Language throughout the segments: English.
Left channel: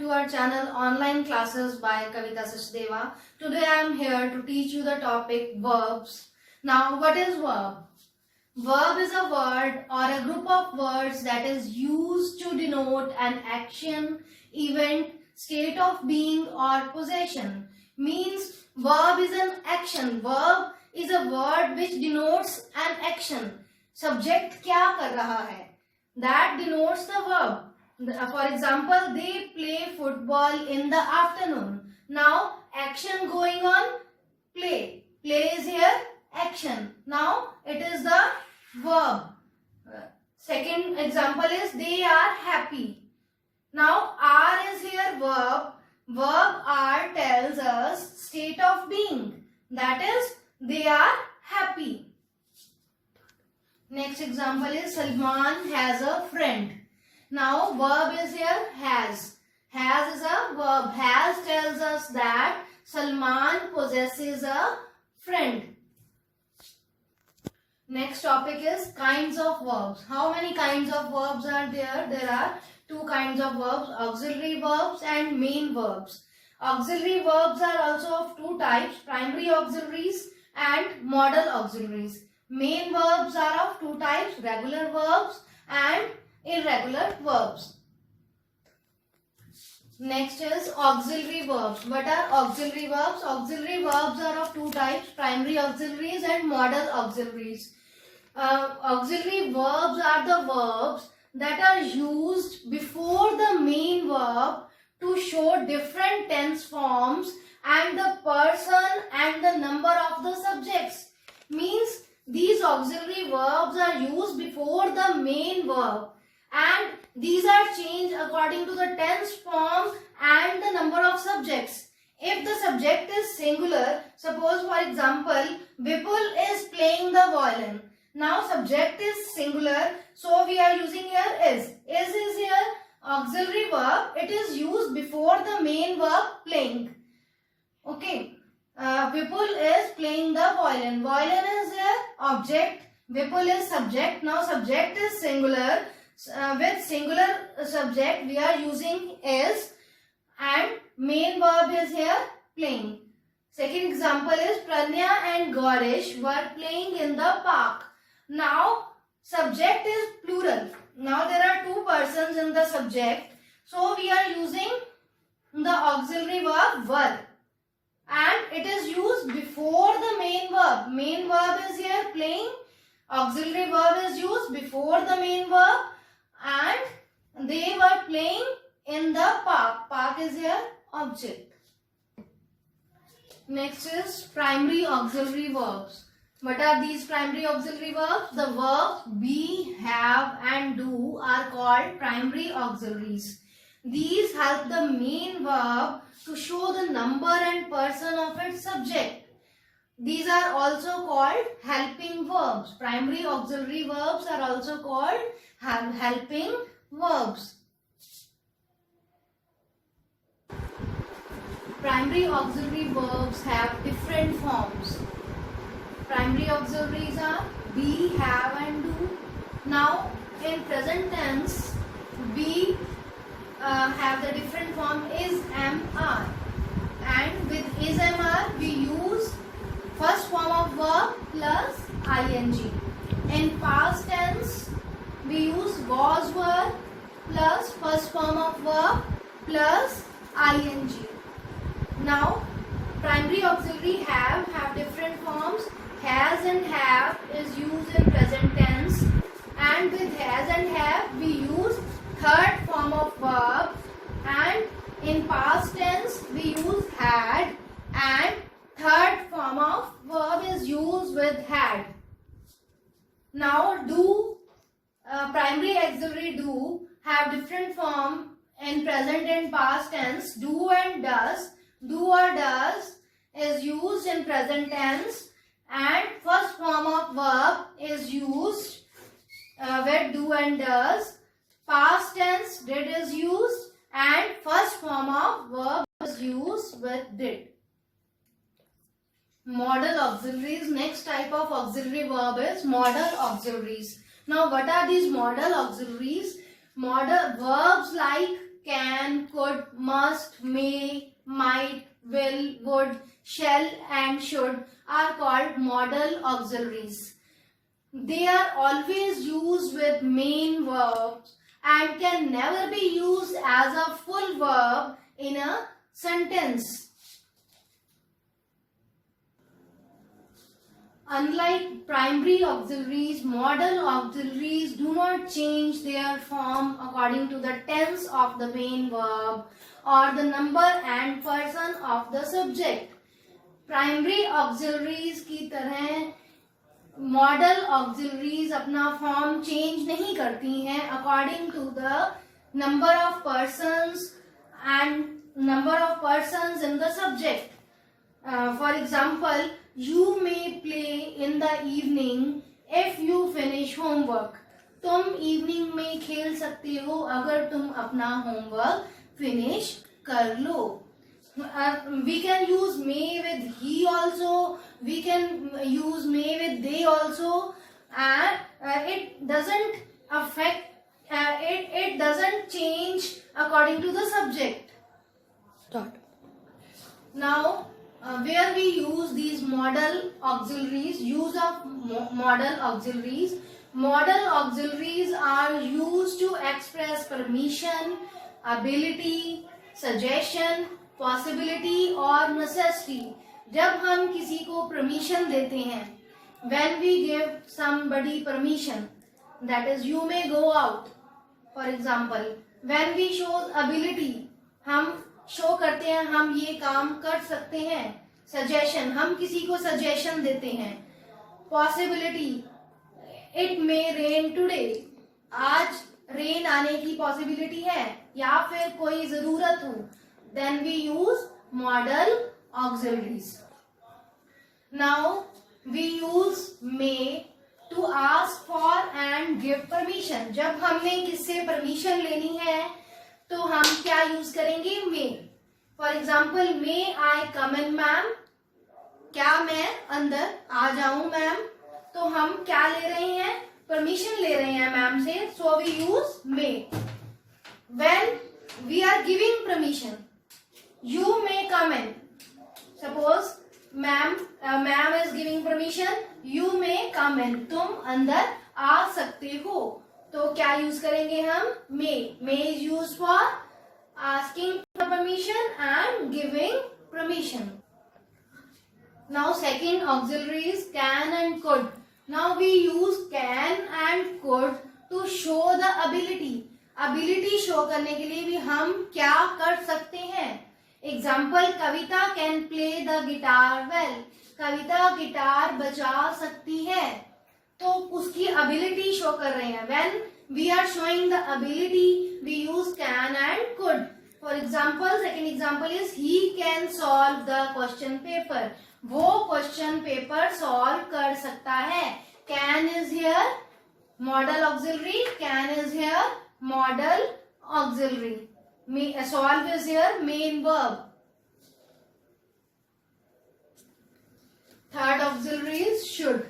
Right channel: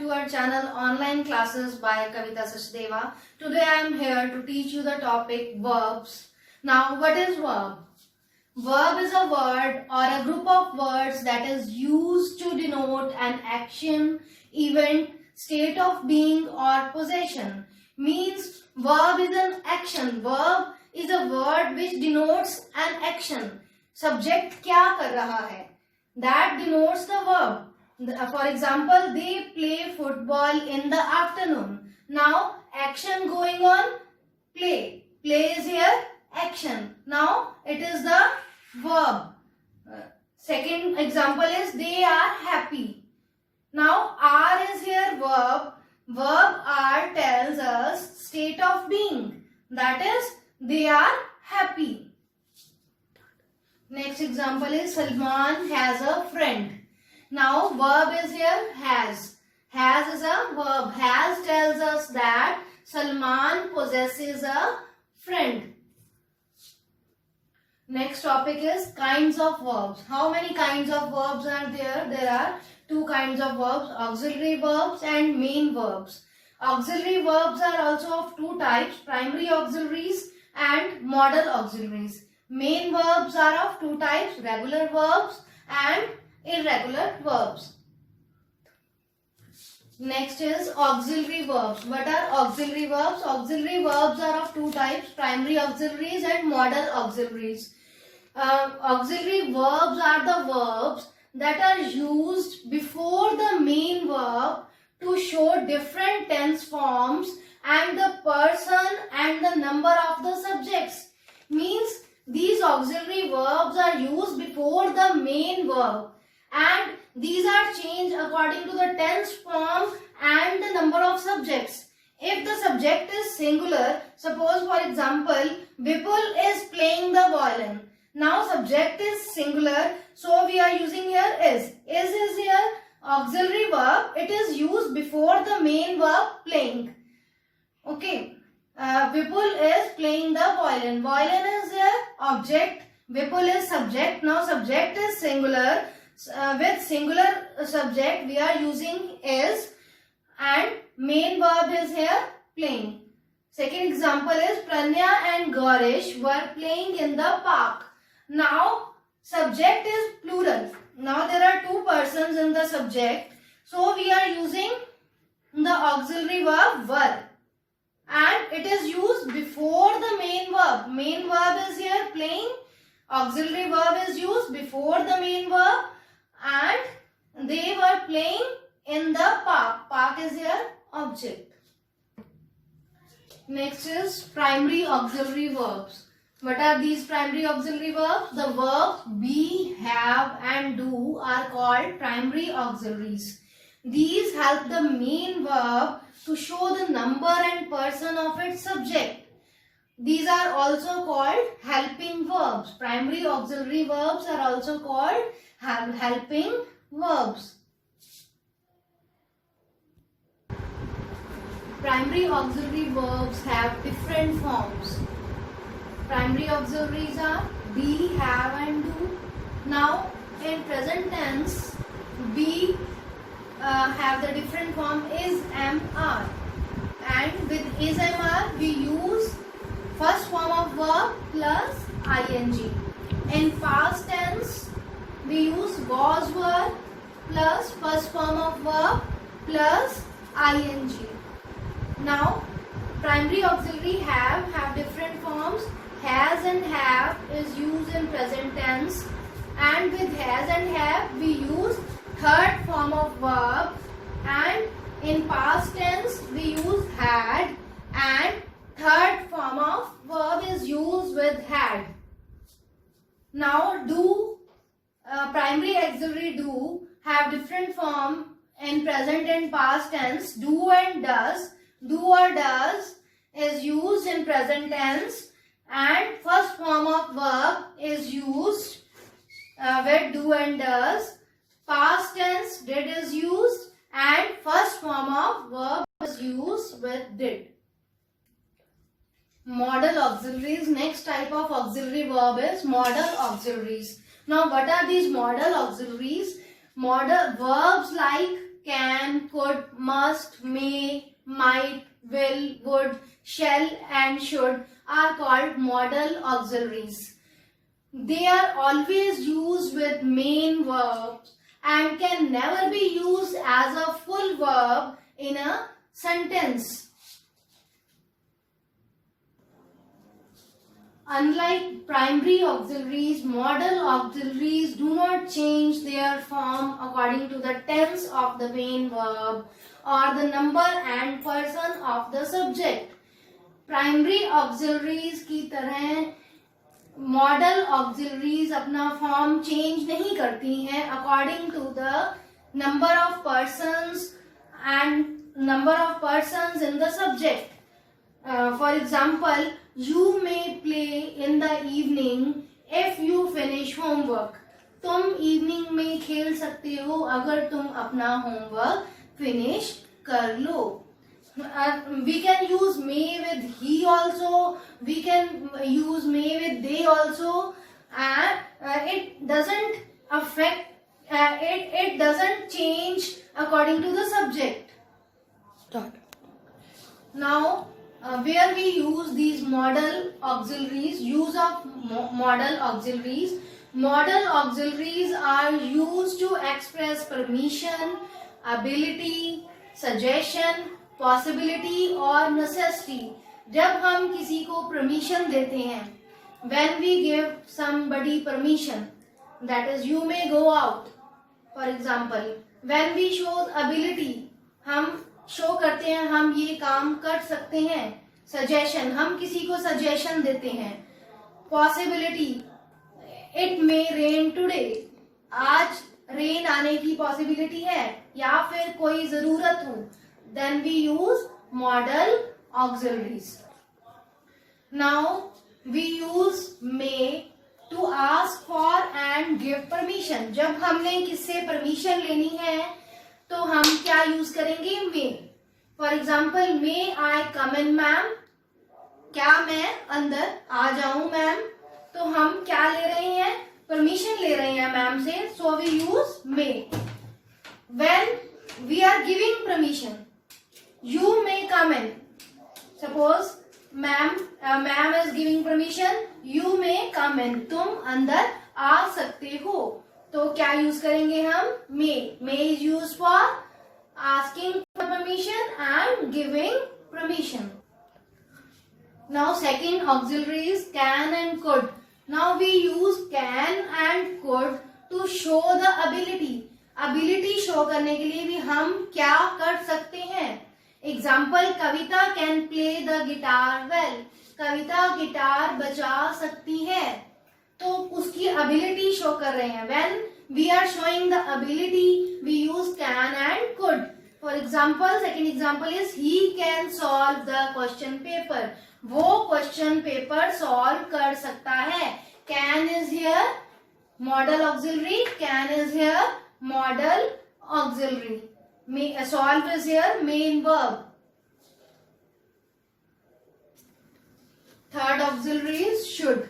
to our channel Online Classes by Kavita Sachdeva. Today I am here to teach you the topic verbs. Now, what is verb? Verb is a word or a group of words that is used to denote an action, event, state of being or possession. Means verb is an action. Verb is a word which denotes an action. Subject क्या कर रहा है? That denotes the verb. For example, they play football in the afternoon. Now, action going on, play. Play is here, action. Now, it is the verb. Second example is they are happy. Now, are is here verb. Verb are tells us state of being. That is, they are happy. Next example is Salman has a friend. Now, verb is here has. Has is a verb. Has tells us that Salman possesses a friend. Next topic is kinds of verbs. How many kinds of verbs are there? There are two kinds of verbs, auxiliary verbs and main verbs. Auxiliary verbs are also of two types, primary auxiliaries and modal auxiliaries. Main verbs are of two types, regular verbs and irregular verbs. Next is auxiliary verbs. What are auxiliary verbs? Auxiliary verbs are of two types, primary auxiliaries and modal auxiliaries. Auxiliary verbs are the verbs that are used before the main verb to show different tense forms and the person and the number of the subjects. Means these auxiliary verbs are used before the main verb and these are changed according to the tense form and the number of subjects. If the subject is singular, suppose for example, Vipul is playing the violin. Now subject is singular, so we are using here is. Is here auxiliary verb. It is used before the main verb playing. Okay. Vipul is playing the violin. Violin is here object. Vipul is subject. Now subject is singular. With singular subject we are using is and main verb is here playing. Second example is Pranya and Gaurish were playing in the park. Now subject is plural. Now there are two persons in the subject. So we are using the auxiliary verb were. And it is used before the main verb. Main verb is here playing. Auxiliary verb is used before the main verb. And they were playing in the park. Park is here object. Next is primary auxiliary verbs. What are these primary auxiliary verbs? The verbs be, have and do are called primary auxiliaries. These help the main verb to show the number and person of its subject. These are also called helping verbs. Primary auxiliary verbs are also called helping verbs. Primary auxiliary verbs have different forms. Primary auxiliaries are be, have and do. Now in present tense, be have the different form is, am, are. And with is, am, are we use first form of verb plus ing. In past tense we use was, were plus first form of verb plus ing. Now primary auxiliary have different forms. Has and have is used in present tense and with has and have we use third form of verb and in past tense we use had and third form of verb is used with had. Now do, primary auxiliary do have different form in present and past tense. Do and does. Do or does is used in present tense and first form of verb is used with do and does. Past tense did is used and first form of verb is used with did. Modal auxiliaries. Next type of auxiliary verb is modal auxiliaries. Now what are these modal auxiliaries? Modal verbs like can, could, must, may, might, will, would, shall and should are called modal auxiliaries. They are always used with main verbs and can never be used as a full verb in a sentence. Unlike primary auxiliaries, modal auxiliaries do not change their form according to the tense of the main verb or the number and person of the subject. Primary auxiliaries की तरह modal auxiliaries अपना form change नहीं करती हैं according to the number of persons and number of persons in the subject. For example, you may play in the evening if you finish homework. तुम evening में खेल सकते हो अगर तुम अपना होमवर्क फिनिश कर लो. We can use may with he also. We can use may with they also, and it doesn't affect. It doesn't change according to the subject. Start. Now, where we use these modal auxiliaries, use of modal auxiliaries. Modal auxiliaries are used to express permission, ability, suggestion, possibility और necessity. जब हम किसी को permission देते हैं, when we give somebody permission, that is you may go out. For example, when we show ability, हम show करते हैं हम ये काम कर सकते हैं. सजेशन, हम किसी को सजेशन देते हैं. Possibility, it may rain today, आज रेन आने की पॉसिबिलिटी है या फिर कोई जरूरत हो. Then we use modal auxiliaries. Now we use may to ask for and give permission. जब हमने किससे परमिशन लेनी है तो हम क्या यूज करेंगे? may. For example, may I come in ma'am? क्या मैं अंदर आ जाऊं मैम? तो हम क्या ले रहे हैं? परमिशन ले रहे हैं मैम से. So we use may. When we are giving permission, you may come in. Suppose ma'am is giving permission, you may come in. तुम अंदर आ सकते हो. तो क्या यूज करेंगे हम? may. may is used for asking for permission and giving permission. Now second auxiliary is can and could. Now we use can and could to show the ability. ability show करने के लिए भी हम क्या कर सकते हैं? Example, Kavita can play the guitar well. Kavita guitar बजा सकती है. तो उसकी एबिलिटी शो कर रहे हैं. When we are showing the ability we use can and could. For example, second example is he can solve the question paper. वो question paper solve कर सकता है. Can is here modal auxiliary. Can is here modal auxiliary. Solve is here main verb. Third auxiliary is should.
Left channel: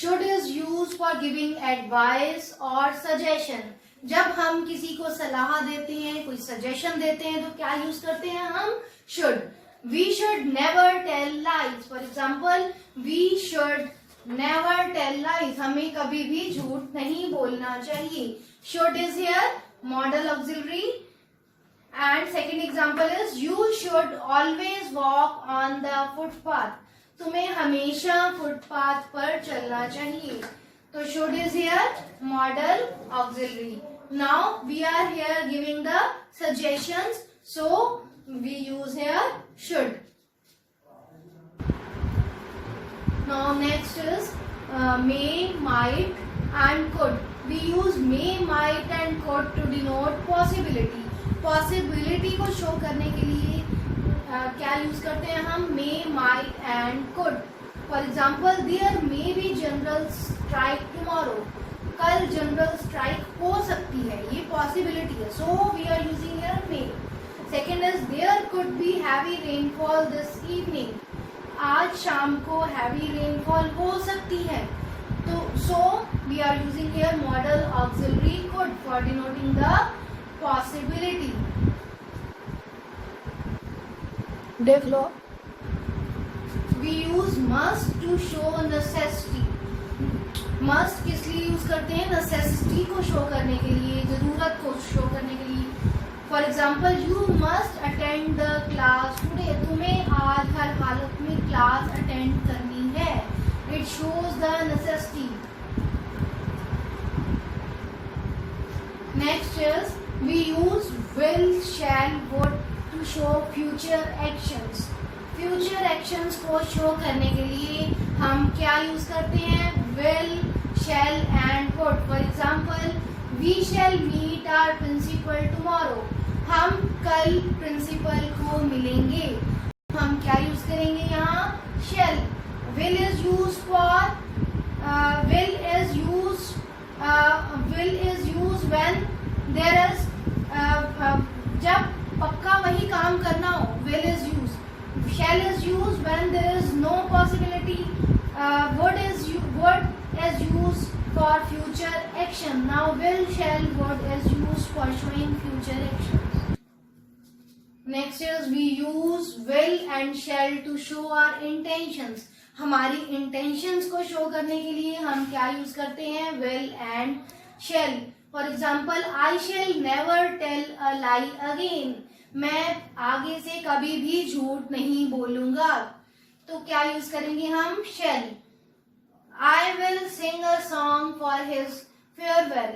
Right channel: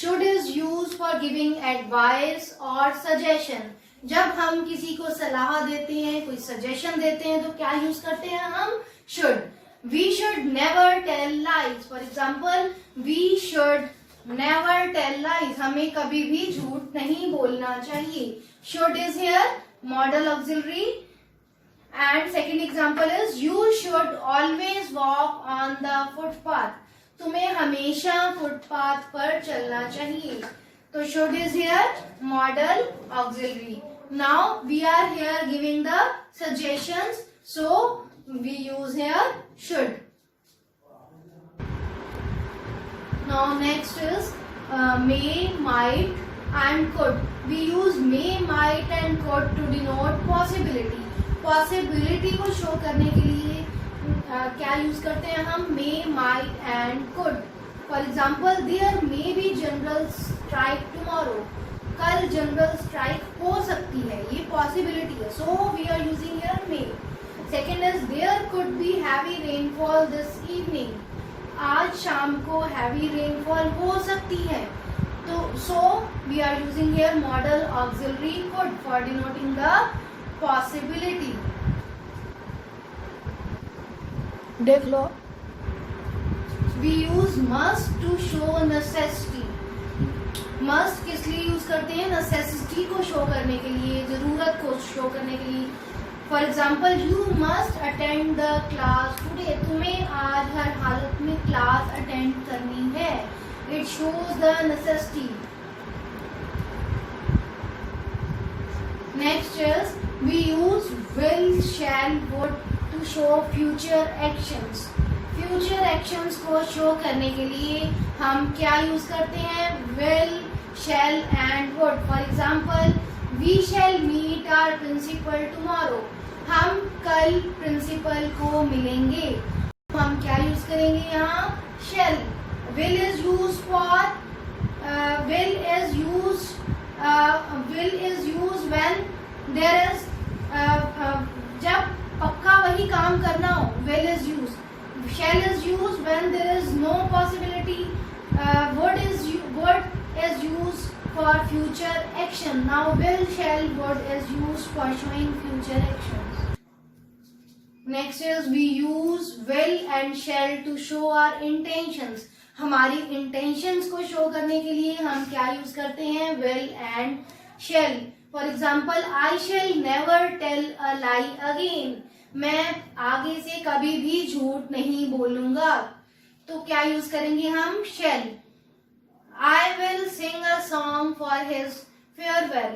Should is used for giving advice or suggestion. जब हम किसी को सलाह देते हैं, कोई सजेशन देते हैं तो क्या यूज करते हैं हम? should. We should never tell lies. For example, we should never tell lies. हमें कभी भी झूठ नहीं बोलना चाहिए. should is here modal auxiliary. And second example is you should always walk on the footpath. तुम्हें हमेशा फुटपाथ पर चलना चाहिए. तो should is here modal auxiliary. Now we are here giving the suggestions, so we use here should. Now next is may, might and could. We use may, might and could to denote possibility. Possibility को show करने के लिए क्या use करते हैं हम? May, might and could. For example, there may be general strike tomorrow. कल general strike हो सकती है, ये पॉसिबिलिटी है. So we are using here may. Second is there could be heavy rainfall this evening. आज शाम को हैवी रेनफॉल हो सकती है. तो so we are using here modal auxiliary could for denoting the possibility. देख लो. We use must to show necessity. must किस लिए यूज करते हैं? necessity को शो करने के लिए, जरूरत को शो करने के लिए. For example, you must attend the class today. तुम्हें आज हर हालत में क्लास अटेंड करनी है. It shows the necessity. Next is we use will, shall, would to show future actions. Future actions को शो करने के लिए हम क्या यूज करते हैं? will, shall and would. For example, we shall meet our principal tomorrow. हम कल प्रिंसिपल को मिलेंगे. हम क्या यूज करेंगे यहाँ? shall. will is used for will is used when there is जब पक्का वही काम करना हो. will is used. shall is used when there is no possibility. would is used for future action. Now will, shall, would is used for showing future actions. Next is we use will and shall to show our intentions. हमारी intentions को show करने के लिए हम क्या use करते हैं? will and shall. For example, I shall never tell a lie again. मैं आगे से कभी भी झूठ नहीं बोलूंगा. तो क्या यूज करेंगे हम? shall. I will sing a song for his farewell.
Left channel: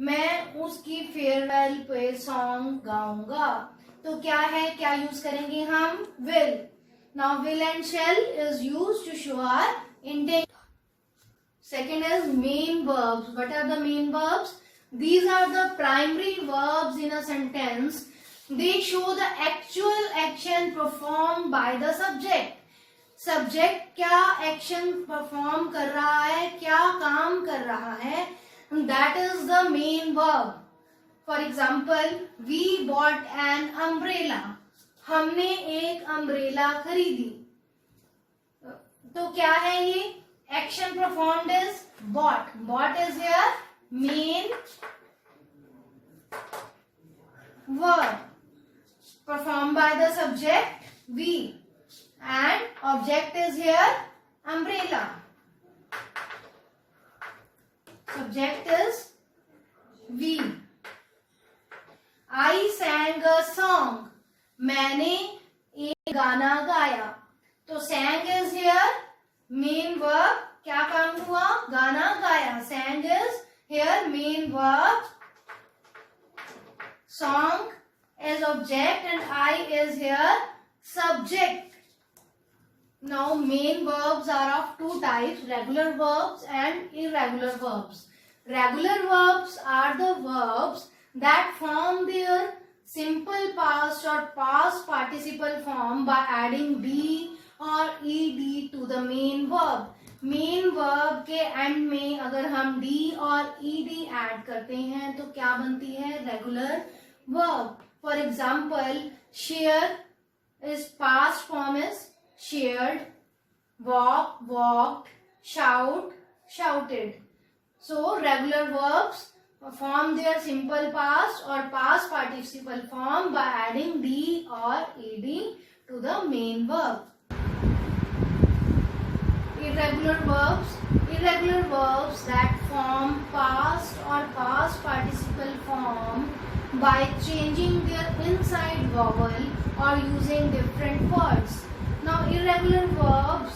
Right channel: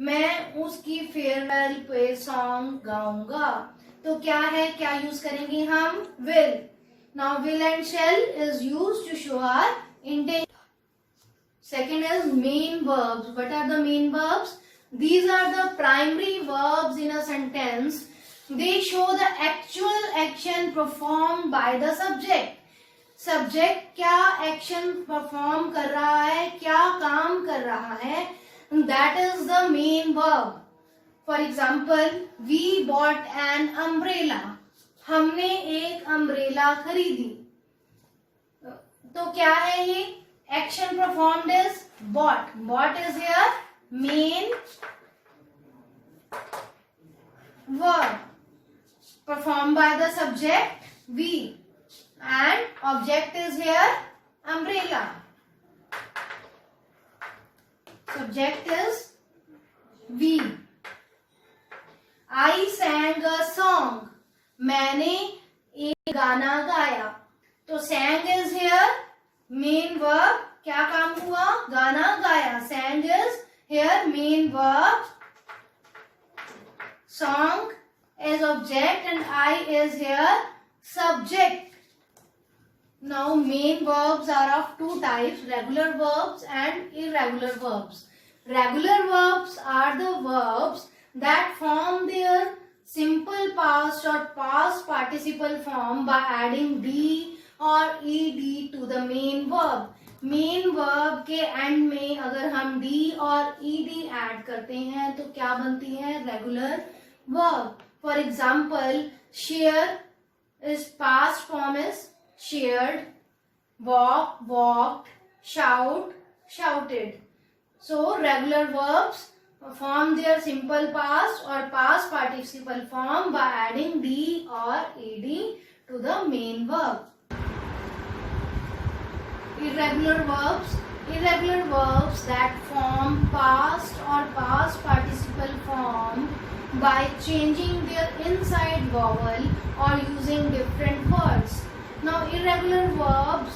मैं उसकी फेयरवेल पे सॉन्ग गाऊंगा. तो क्या है? क्या यूज करेंगे हम? will. Now will and shall is used to show our intent. Second is main verbs. What are the main verbs? These are the primary verbs in a sentence. They show the actual action performed by the subject. Subject क्या action perform कर रहा है, क्या काम कर रहा है, that is the main verb. For example, we bought an umbrella. हमने एक अम्ब्रेला खरीदी. तो क्या है ये? Action performed is bought. Bought is here main verb. Performed by the subject we, and object is here umbrella. Subject is we. I sang a song. मैंने एक गाना गाया. तो sang is here main verb. क्या काम हुआ? गाना गाया. sang is here main verb. Song is object and I is here subject. Now main verbs are of two types, regular verbs and irregular verbs. Regular verbs are the verbs that form their simple past or past participle form by adding d or ed to the main verb. Main verb के and में अगर हम D और ED add करते हैं तो क्या बनती है? Regular verb. For example, share is past form is shared, walk walked, shout shouted. So regular verbs form their simple past or past participle form by adding d or ed to the main verb. Irregular verbs that form past or past participle form by changing their inside vowel or using different words. Now irregular verbs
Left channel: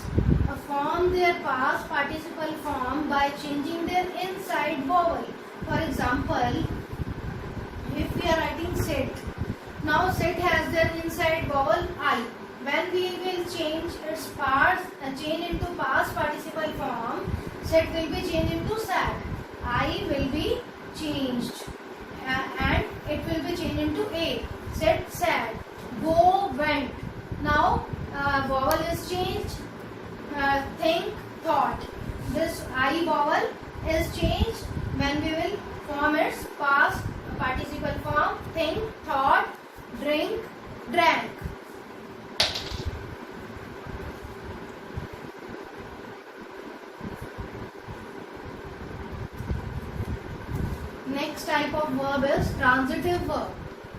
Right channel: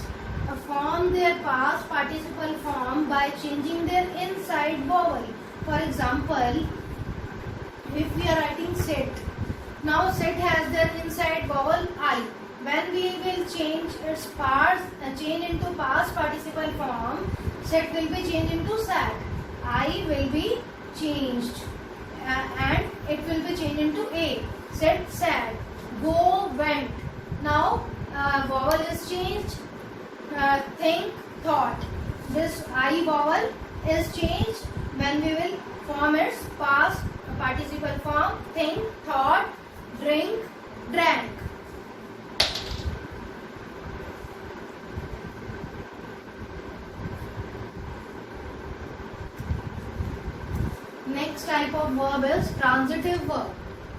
form their past participle form by changing their inside vowel. For example, if we are writing sit, now sit has their inside vowel I. When we will change its parts, change into past participle form, sit will be changed into sat. I will be changed and it will be changed into a. Sit, sat. Go, went. Now vowel is changed. Think, thought. This I vowel is changed when we will form its past participle form. Think, thought, drink, drank. Next type of verb is transitive verb.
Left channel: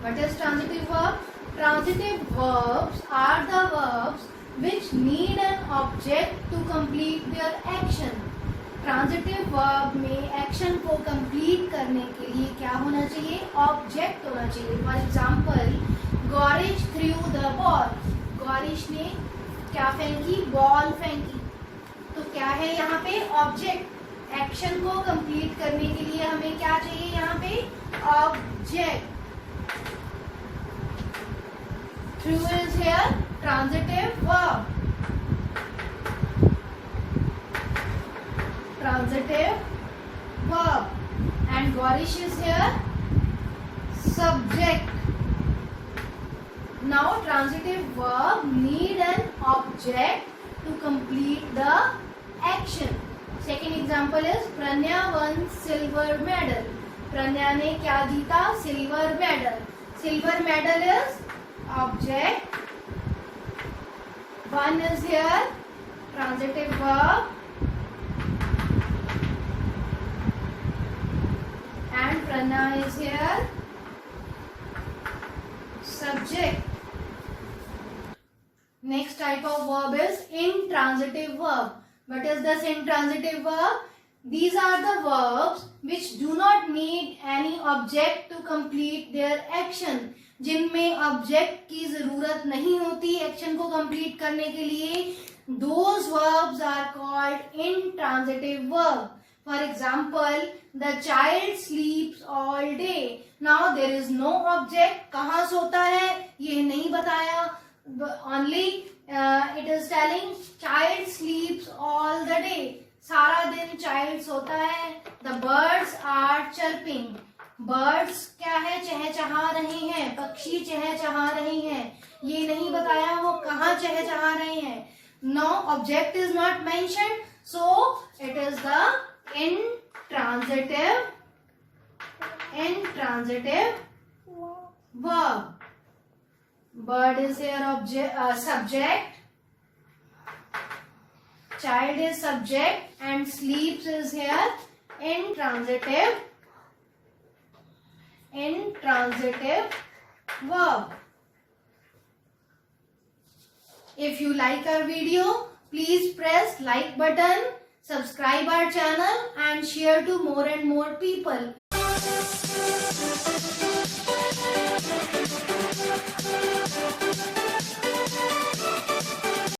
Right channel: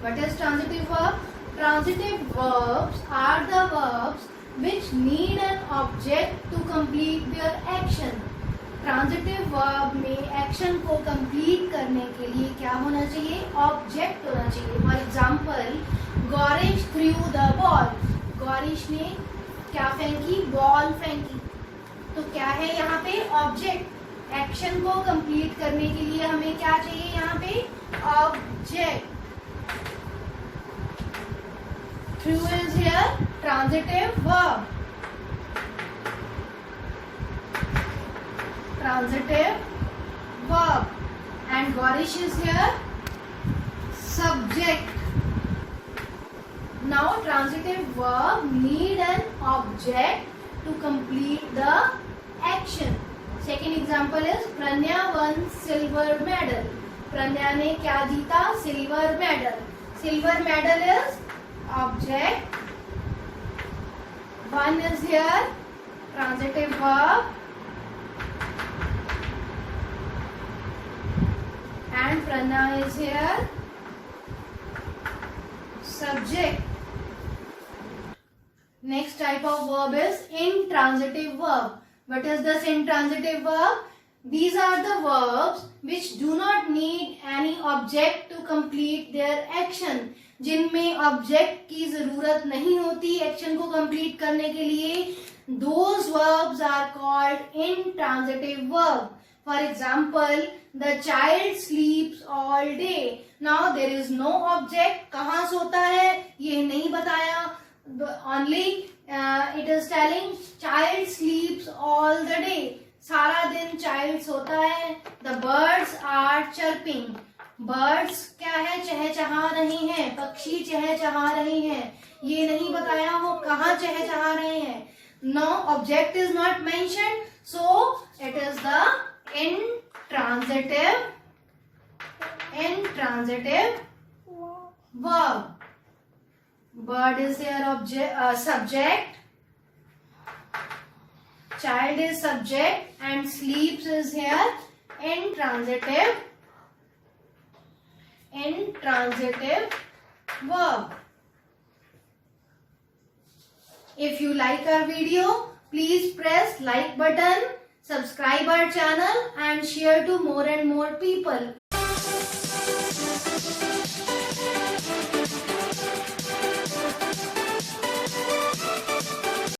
What is transitive verb? Transitive verbs are the verbs which need an object to complete their action. Transitive verb में action को complete करने के लिए क्या होना चाहिए? Object होना चाहिए. For example, Gaurish threw the ball. Gaurish ने क्या फेंकी? बॉल फेंकी. तो क्या है यहाँ पे? ऑब्जेक्ट. एक्शन को कंप्लीट करने के लिए हमें क्या चाहिए यहाँ पे? Object. Through is here transitive verb. Transitive verb. And Gorish is here subject. Now transitive verb need an object to complete the action. Second example is Pranya won silver medal. Pranya ने क्या जीता? Silver medal. Silver medal is object. One is here transitive verb and Prana is here subject. Next type of verb is intransitive verb. What is this intransitive verb? These are the verbs which do not need any object to complete their action. जिनमें object की जरूरत नहीं होती action को complete करने के लिए. Those verbs are called intransitive verb. For example, the child sleeps all day. Now there is no object. कहाँ सोता है ये नहीं बताया. Only it is telling child sleeps all the day. सारा दिन child सोता है. The birds are chirping. Birds क्या है? चहचहा रहे हैं. पक्षी चहचहा रहे हैं. ये नहीं बताया वो कहाँ चहचहा रहे हैं. No object is not mentioned, so it is the intransitive verb. Bird is here subject, child is subject, and sleeps is here intransitive verb. If you like our video, please press like button, subscribe our channel and share to more and more people.